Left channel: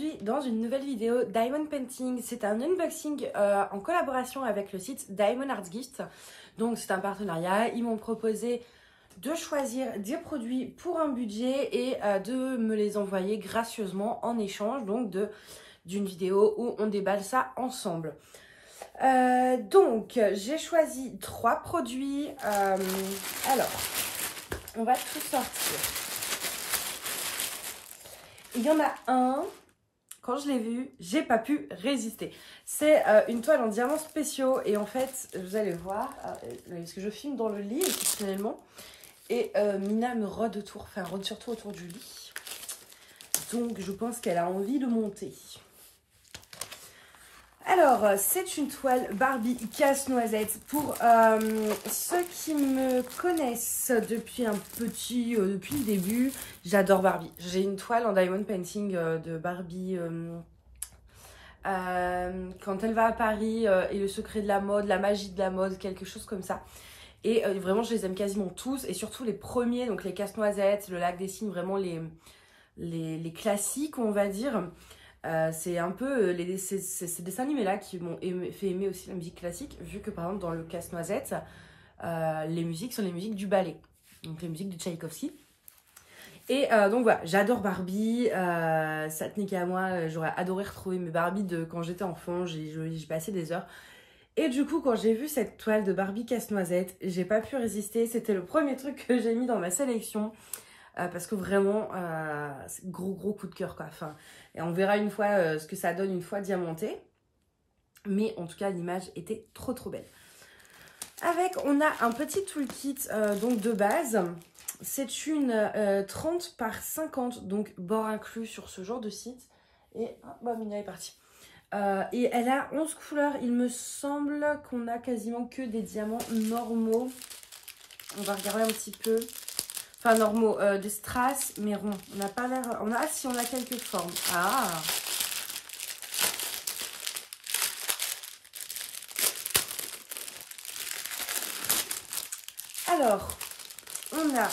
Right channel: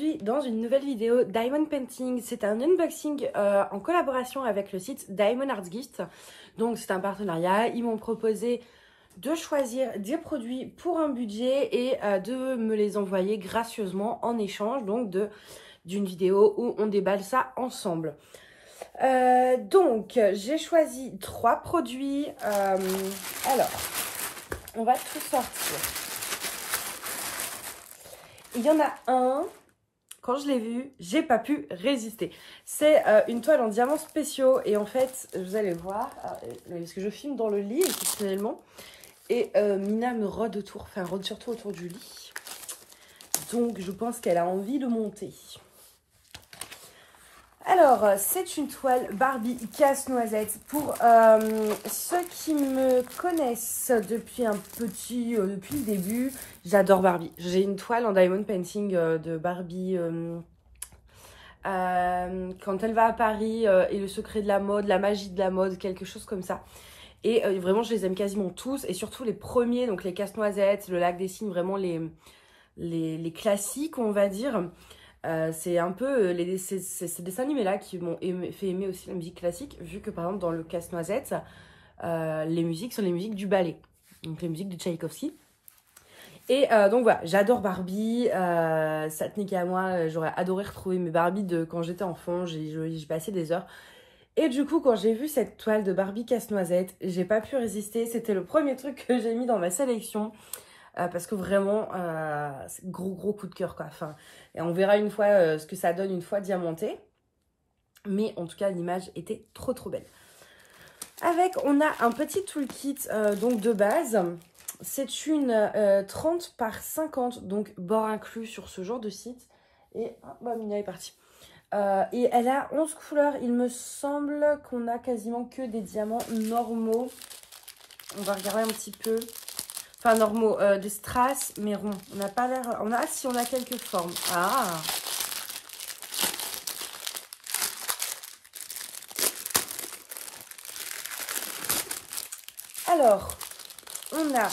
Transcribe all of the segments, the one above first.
aujourd'hui dans une nouvelle vidéo Diamond Painting. C'est un unboxing en collaboration avec le site Diamond Art Gift. Donc c'est un partenariat, ils m'ont proposé de choisir des produits pour un budget et de me les envoyer gracieusement en échange donc d'une vidéo où on déballe ça ensemble. Donc j'ai choisi 3 produits. Alors, on va tout sortir. Il y en a un, quand je l'ai vu, j'ai pas pu résister. C'est une toile en diamants spéciaux et en fait, vous allez voir, parce que je filme dans le lit exceptionnellement et Mina me rôde autour, enfin rôde surtout autour du lit. Donc je pense qu'elle a envie de monter. Alors, c'est une toile Barbie casse-noisette. Pour ceux qui me connaissent depuis depuis le début, j'adore Barbie. J'ai une toile en diamond painting de Barbie quand elle va à Paris et le secret de la mode, la magie de la mode, quelque chose comme ça. Et vraiment, je les aime quasiment tous. Et surtout les premiers, donc les casse-noisettes, le lac des cygnes, vraiment les classiques, on va dire. C'est un peu ces dessins animés là qui m'ont fait aimer aussi la musique classique, vu que par exemple dans le Casse-Noisette, les musiques sont les musiques du ballet, donc les musiques de Tchaïkovski. Et donc voilà, j'adore Barbie, ça tenait qu'à moi, j'aurais adoré retrouver mes Barbies de quand j'étais enfant, j'ai passé des heures. Et du coup, quand j'ai vu cette toile de Barbie Casse-Noisette, j'ai pas pu résister, c'était le premier truc que j'ai mis dans ma sélection. Parce que vraiment, gros coup de cœur quoi. Enfin, et on verra une fois ce que ça donne une fois diamanté. Mais en tout cas, l'image était trop belle. Avec, on a un petit toolkit donc de base. C'est une 30 par 50, donc bord inclus sur ce genre de site. Et bah, Mina est partie. Et elle a 11 couleurs. Il me semble qu'on a quasiment que des diamants normaux. On va regarder un petit peu. Enfin, normaux, des strass, mais ronds. On n'a pas l'air... si, on a quelques formes. Ah! Alors, on a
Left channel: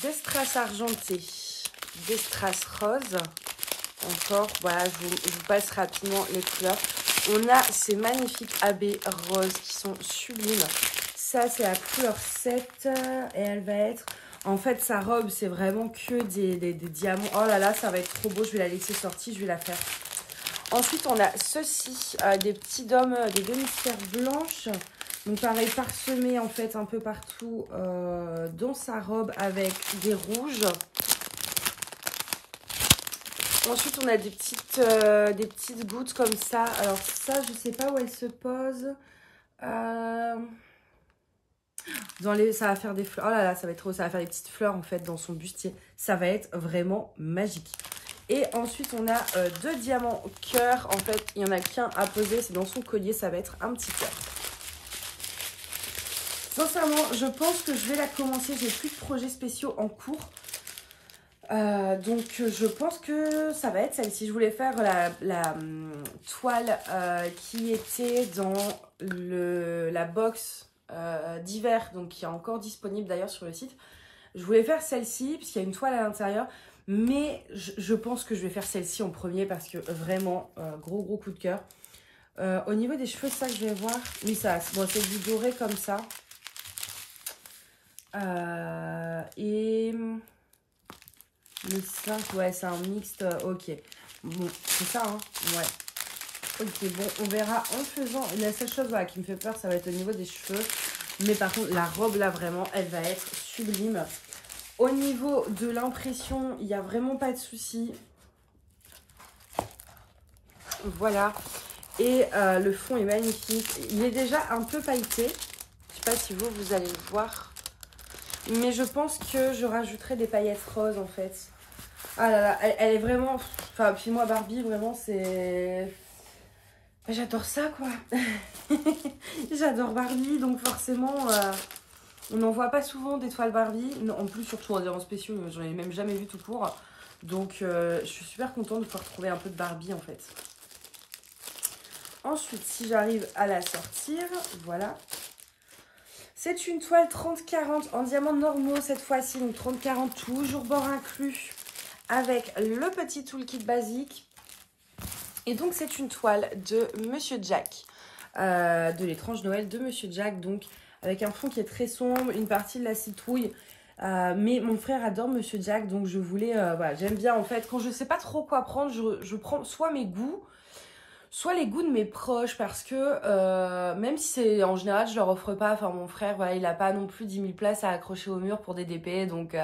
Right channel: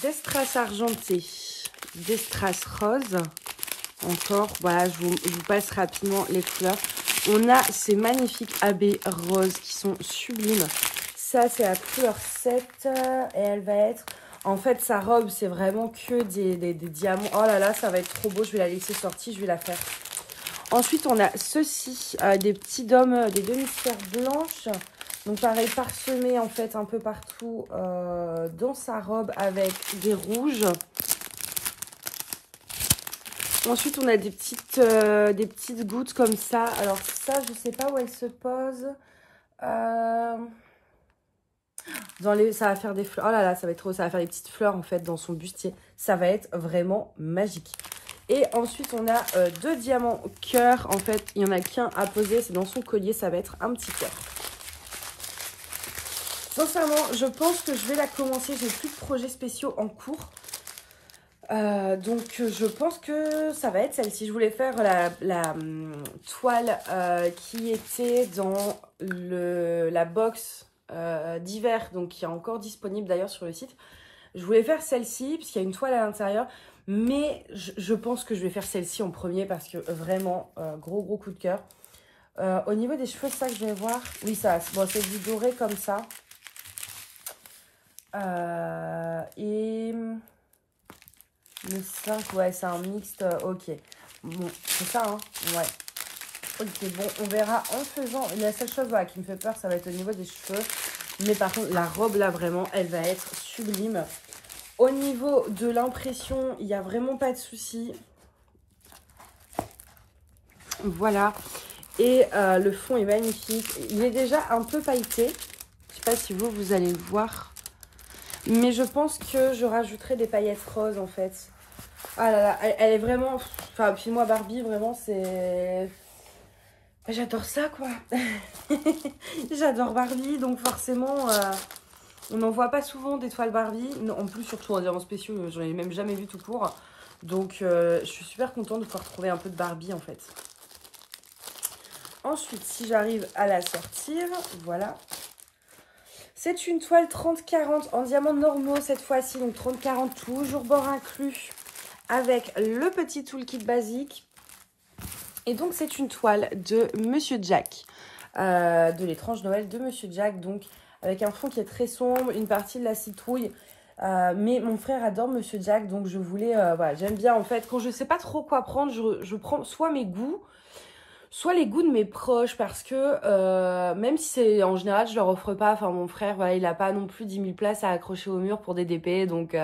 des strass argentés, des strass roses. Encore, voilà, je vous passe rapidement les couleurs. On a ces magnifiques AB roses qui sont sublimes. Ça, c'est la couleur 7 et elle va être... En fait, sa robe, c'est vraiment que des diamants. Oh là là, ça va être trop beau. Je vais la laisser sortie, je vais la faire. Ensuite, on a ceci, des petits dômes, des demi-sphères blanches. Donc, pareil, parsemé en fait un peu partout dans sa robe avec des rouges. Ensuite, on a des petites gouttes comme ça. Alors, ça, je sais pas où elle se pose. Ça va faire des fleurs. Oh là là, ça va être trop. Ça va faire des petites fleurs en fait dans son bustier. Ça va être vraiment magique. Et ensuite, on a 2 diamants cœur. En fait, il n'y en a qu'un à poser. C'est dans son collier. Ça va être un petit cœur. Sincèrement, je pense que je vais la commencer. J'ai plus de projets spéciaux en cours. Donc, je pense que ça va être celle-ci. Je voulais faire la toile qui était dans la box d'hiver, donc qui est encore disponible d'ailleurs sur le site. Je voulais faire celle-ci puisqu'il y a une toile à l'intérieur, mais je pense que je vais faire celle-ci en premier parce que vraiment gros coup de cœur. Au niveau des cheveux, ça que je vais voir, oui, ça bon, c'est du doré comme ça et le 5, ouais, c'est un mixte. Ok, bon, c'est ça, hein, ouais. Ok, bon, on verra en faisant. La seule chose voilà, qui me fait peur, ça va être au niveau des cheveux. Mais par contre, la robe, là, vraiment, elle va être sublime. Au niveau de l'impression, il n'y a vraiment pas de souci. Voilà. Et le fond est magnifique. Il est déjà un peu pailleté. Je ne sais pas si vous allez le voir. Mais je pense que je rajouterai des paillettes roses, en fait. Ah là là, elle est vraiment... Enfin, puis moi, Barbie, vraiment, c'est... J'adore ça, quoi. J'adore Barbie, donc forcément, on n'en voit pas souvent des toiles Barbie. Non, en plus, surtout en diamants spéciaux, je n'en ai même jamais vu tout court. Donc, je suis super contente de pouvoir retrouver un peu de Barbie, en fait. Ensuite, si j'arrive à la sortir, voilà. C'est une toile 30-40 en diamants normaux cette fois-ci, donc 30-40, toujours bord inclus. avec le petit toolkit basique. Et donc, c'est une toile de Monsieur Jack, de l'étrange Noël de Monsieur Jack. Donc, avec un fond qui est très sombre, une partie de la citrouille. Mais mon frère adore Monsieur Jack, donc je voulais, voilà, j'aime bien en fait. Quand je sais pas trop quoi prendre, je prends soit mes goûts, soit les goûts de mes proches, parce que même si c'est en général, je leur offre pas. Enfin, mon frère, voilà, il a pas non plus 10 000 places à accrocher au mur pour des DP, donc.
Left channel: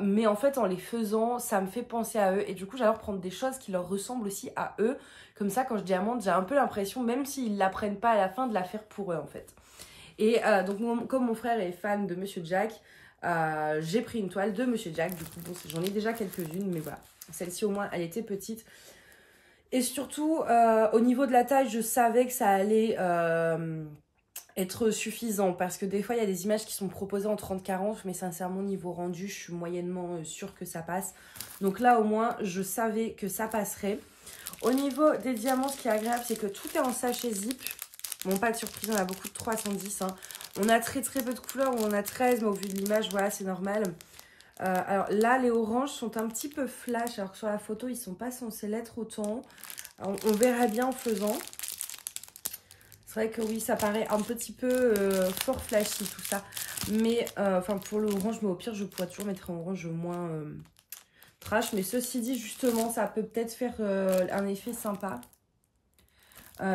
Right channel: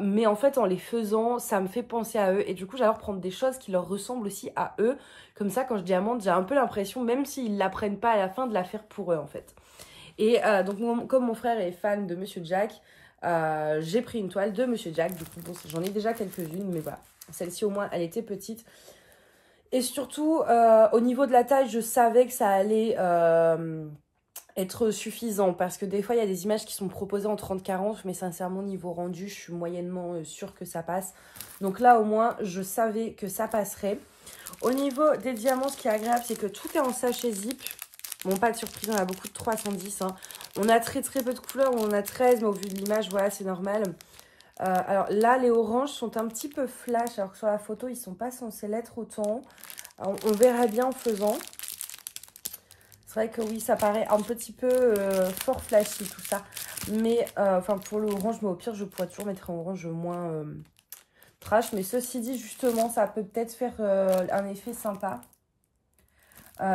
Mais en fait, en les faisant, ça me fait penser à eux. Et du coup, j'adore prendre des choses qui leur ressemblent aussi à eux. Comme ça, quand je dis amande, j'ai un peu l'impression, même s'ils ne l'apprennent pas à la fin, de la faire pour eux, en fait. Et donc, comme mon frère est fan de Monsieur Jack, j'ai pris une toile de Monsieur Jack. Du coup, bon, j'en ai déjà quelques-unes, mais voilà. Celle-ci, au moins, elle était petite. Et surtout, au niveau de la taille, je savais que ça allait être suffisant. Parce que des fois, il y a des images qui sont proposées en 30-40. Mais sincèrement, niveau rendu, je suis moyennement sûre que ça passe. Donc là, au moins, je savais que ça passerait. Au niveau des diamants, ce qui est agréable, c'est que tout est en sachet zip. Bon, pas de surprise, on a beaucoup de 310. Hein. On a très peu de couleurs, on en a 13, mais au vu de l'image, voilà, c'est normal. Alors là, les oranges sont un petit peu flash, alors que sur la photo, ils ne sont pas censés l'être autant. Alors, on verra bien en faisant. C'est vrai que oui, ça paraît un petit peu fort flashy tout ça. Mais enfin pour l'orange, mais au pire, je pourrais toujours mettre un orange moins trash. Mais ceci dit, justement, ça peut peut-être faire un effet sympa.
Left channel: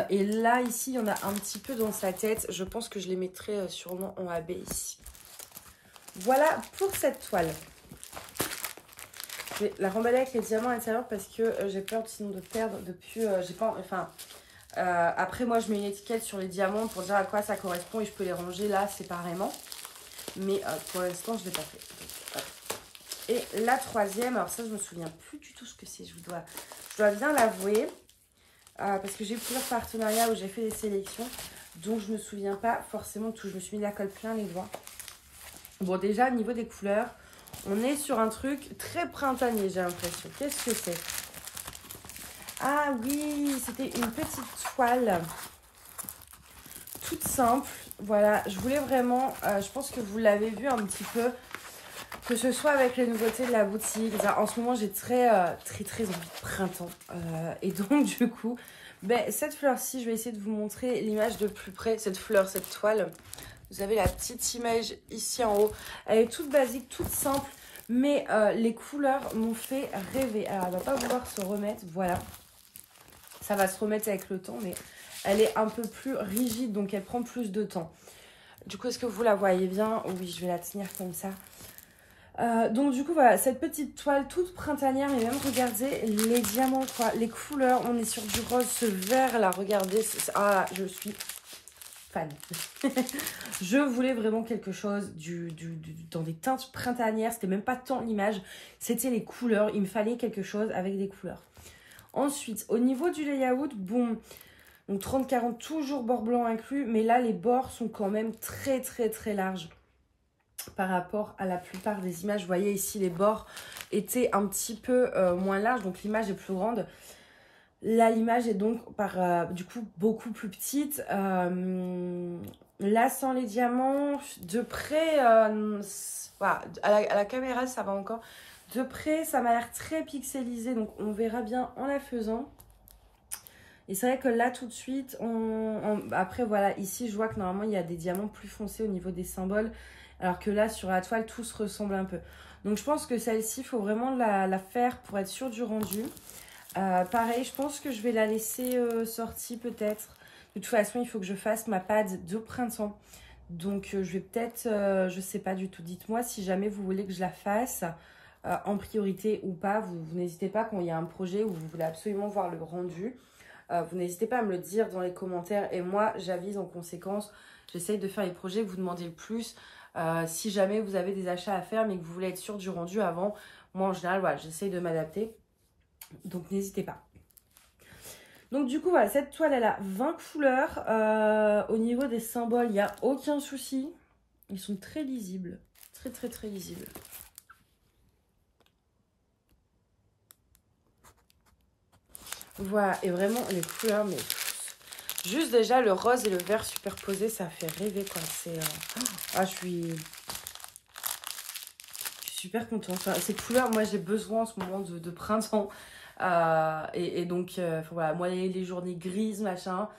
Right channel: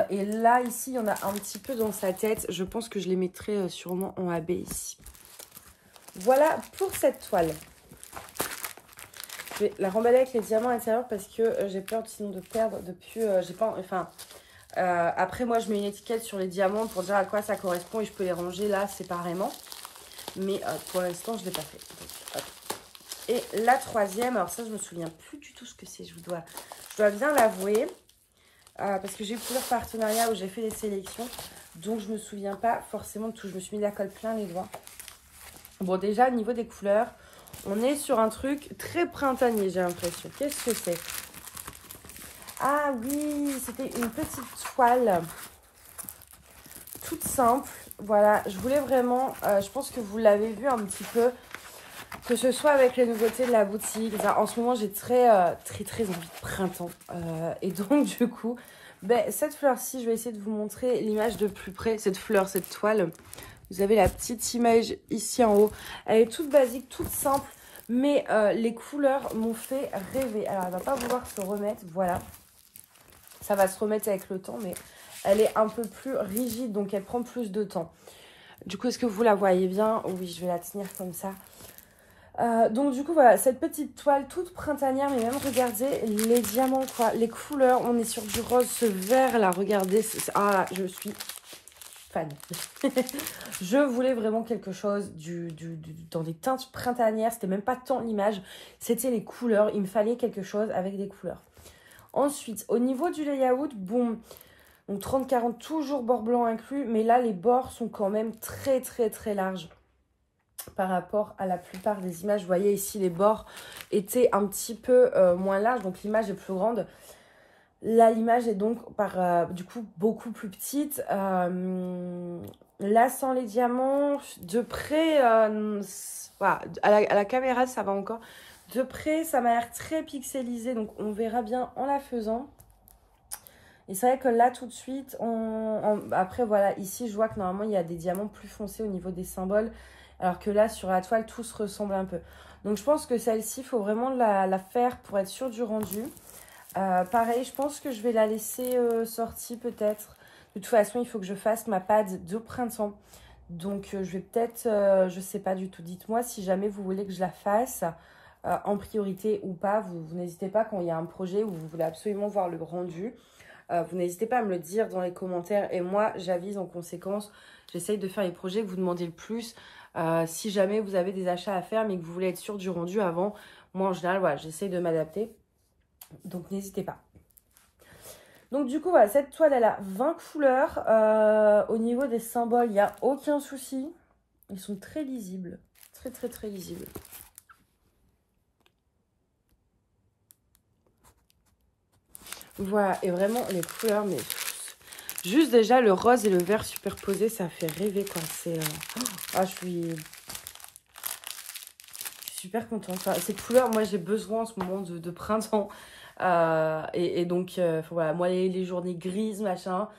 Et là, ici, il y en a un petit peu dans sa tête. Je pense que je les mettrai sûrement en AB ici. Voilà pour cette toile. Je vais la remballer avec les diamants à l'intérieur parce que j'ai peur sinon de perdre depuis... j'ai pas... Enfin... après, moi, je mets une étiquette sur les diamants pour dire à quoi ça correspond et je peux les ranger là séparément. Mais pour l'instant, je ne l'ai pas fait. Et la troisième, alors ça, je ne me souviens plus du tout ce que c'est. Je dois bien l'avouer. Parce que j'ai eu plusieurs partenariats où j'ai fait des sélections. Donc, je ne me souviens pas forcément de tout. Je me suis mis la colle plein les doigts. Bon, déjà, au niveau des couleurs, on est sur un truc très printanier, j'ai l'impression. Qu'est-ce que c'est? Ah oui, c'était une petite toile toute simple. Voilà, je voulais vraiment, je pense que vous l'avez vu un petit peu, que ce soit avec les nouveautés de la boutique. En ce moment, j'ai très envie de printemps. Et donc, du coup, ben, cette fleur-ci, je vais essayer de vous montrer l'image de plus près. Cette fleur, cette toile, vous avez la petite image ici en haut. Elle est toute basique, toute simple, mais les couleurs m'ont fait rêver. Alors, elle ne va pas vouloir se remettre, voilà. Ça va se remettre avec le temps, mais elle est un peu plus rigide, donc elle prend plus de temps. Du coup, est-ce que vous la voyez bien? Oui, je vais la tenir comme ça. Donc du coup, voilà, cette petite toile toute printanière, mais même regardez les diamants, quoi, les couleurs. On est sur du rose, ce vert là, regardez. Ah, je suis fan. Je voulais vraiment quelque chose dans des teintes printanières. C'était même pas tant l'image, c'était les couleurs. Il me fallait quelque chose avec des couleurs. Ensuite, au niveau du layout, bon, donc 30-40, toujours bord blanc inclus, mais là, les bords sont quand même très larges par rapport à la plupart des images. Vous voyez ici, les bords étaient un petit peu moins larges, donc l'image est plus grande. Là, l'image est donc du coup beaucoup plus petite. Là, sans les diamants, de près, voilà, à la caméra, ça va encore. De près, ça m'a l'air très pixelisé, donc on verra bien en la faisant. Et c'est vrai que là, tout de suite, après, voilà, ici, je vois que normalement, il y a des diamants plus foncés au niveau des symboles. Alors que là, sur la toile, tout se ressemble un peu. Donc, je pense que celle-ci, il faut vraiment la faire pour être sûr du rendu. Pareil, je pense que je vais la laisser sortie peut-être. De toute façon, il faut que je fasse ma pad de printemps. Donc, je vais peut-être, je sais pas du tout. Dites-moi si jamais vous voulez que je la fasse en priorité ou pas. Vous n'hésitez pas quand il y a un projet où vous voulez absolument voir le rendu. Vous n'hésitez pas à me le dire dans les commentaires. Et moi, j'avise en conséquence. J'essaye de faire les projets que vous demandez le plus. Si jamais vous avez des achats à faire mais que vous voulez être sûr du rendu avant, moi en général, voilà, j'essaye de m'adapter. Donc, n'hésitez pas. Donc, du coup, voilà, cette toile, elle a 20 couleurs. Au niveau des symboles, il n'y a aucun souci. Ils sont très lisibles. Très lisibles. Voilà, et vraiment, les couleurs, mais juste déjà, le rose et le vert superposés, ça fait rêver quand c'est... Ah, je suis super contente. Enfin, ces couleurs, moi j'ai besoin en ce moment de printemps. Et donc, voilà, moi les journées grises, machin.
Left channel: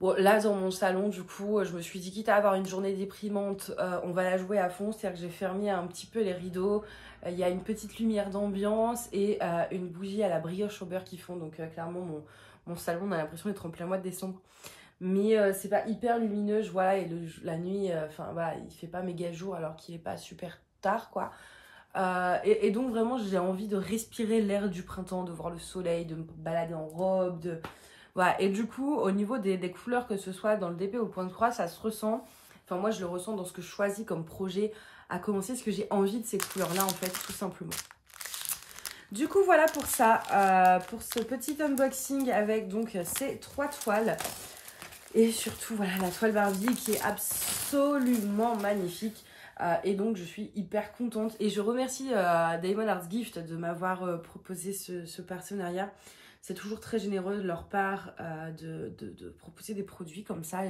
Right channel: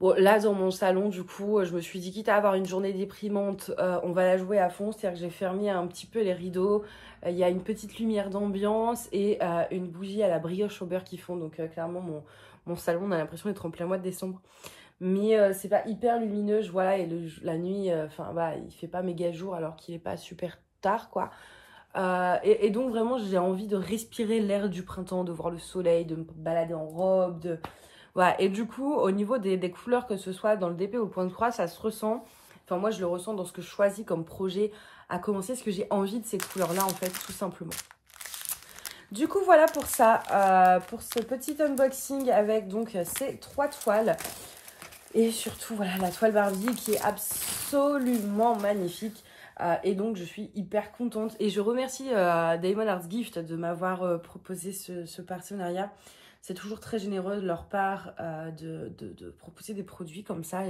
Bon, là dans mon salon, du coup, je me suis dit, quitte à avoir une journée déprimante, on va la jouer à fond. C'est-à-dire que j'ai fermé un petit peu les rideaux. Il y a une petite lumière d'ambiance et une bougie à la brioche au beurre qui fond. Donc, clairement, mon salon, on a l'impression d'être en plein mois de décembre. Mais c'est pas hyper lumineux, je vois, et la nuit, enfin, voilà, il fait pas méga jour alors qu'il est pas super tard, quoi. Et donc vraiment j'ai envie de respirer l'air du printemps, de voir le soleil, de me balader en robe, voilà. Et du coup au niveau des couleurs, que ce soit dans le DP ou le point de croix, ça se ressent. Enfin moi je le ressens dans ce que je choisis comme projet à commencer, parce que j'ai envie de ces couleurs là en fait, tout simplement. Du coup voilà pour ça, pour ce petit unboxing avec donc ces 3 toiles. Et surtout voilà la toile Barbie qui est absolument magnifique. Et donc je suis hyper contente et je remercie Diamond Art Gift de m'avoir proposé ce partenariat. C'est toujours très généreux de leur part de proposer des produits comme ça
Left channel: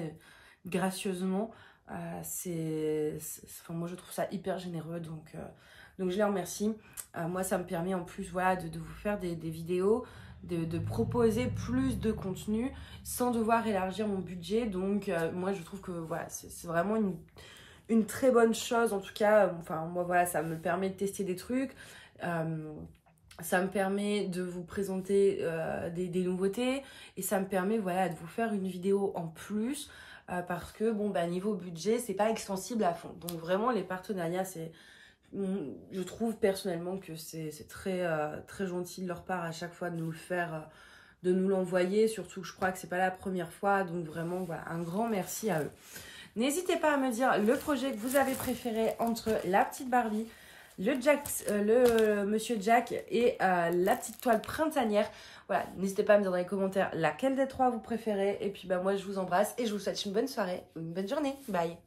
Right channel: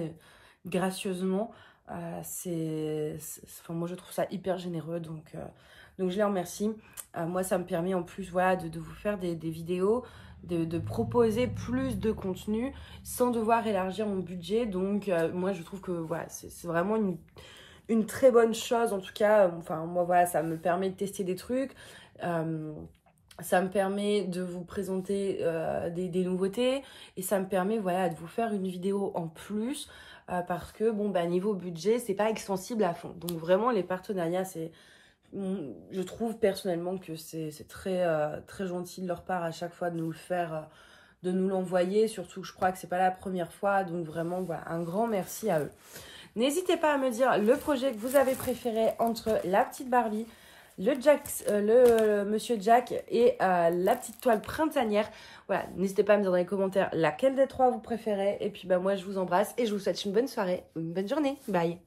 gracieusement. Enfin, moi je trouve ça hyper généreux, donc je les remercie. Moi ça me permet en plus voilà, de vous faire des vidéos, de proposer plus de contenu sans devoir élargir mon budget. Donc moi je trouve que voilà, c'est vraiment une très bonne chose, en tout cas. Enfin moi voilà, ça me permet de tester des trucs, ça me permet de vous présenter des nouveautés, et ça me permet voilà de vous faire une vidéo en plus, parce que bon bah niveau budget c'est pas extensible à fond. Donc vraiment les partenariats, je trouve personnellement que c'est très très gentil de leur part à chaque fois de nous le faire, de nous l'envoyer, surtout que je crois que c'est pas la première fois. Donc vraiment voilà, un grand merci à eux. N'hésitez pas à me dire le projet que vous avez préféré entre la petite Barbie, le Monsieur Jack et la petite toile printanière. Voilà, n'hésitez pas à me dire dans les commentaires laquelle des 3 vous préférez. Et puis bah moi je vous embrasse et je vous souhaite une bonne soirée, une bonne journée. Bye.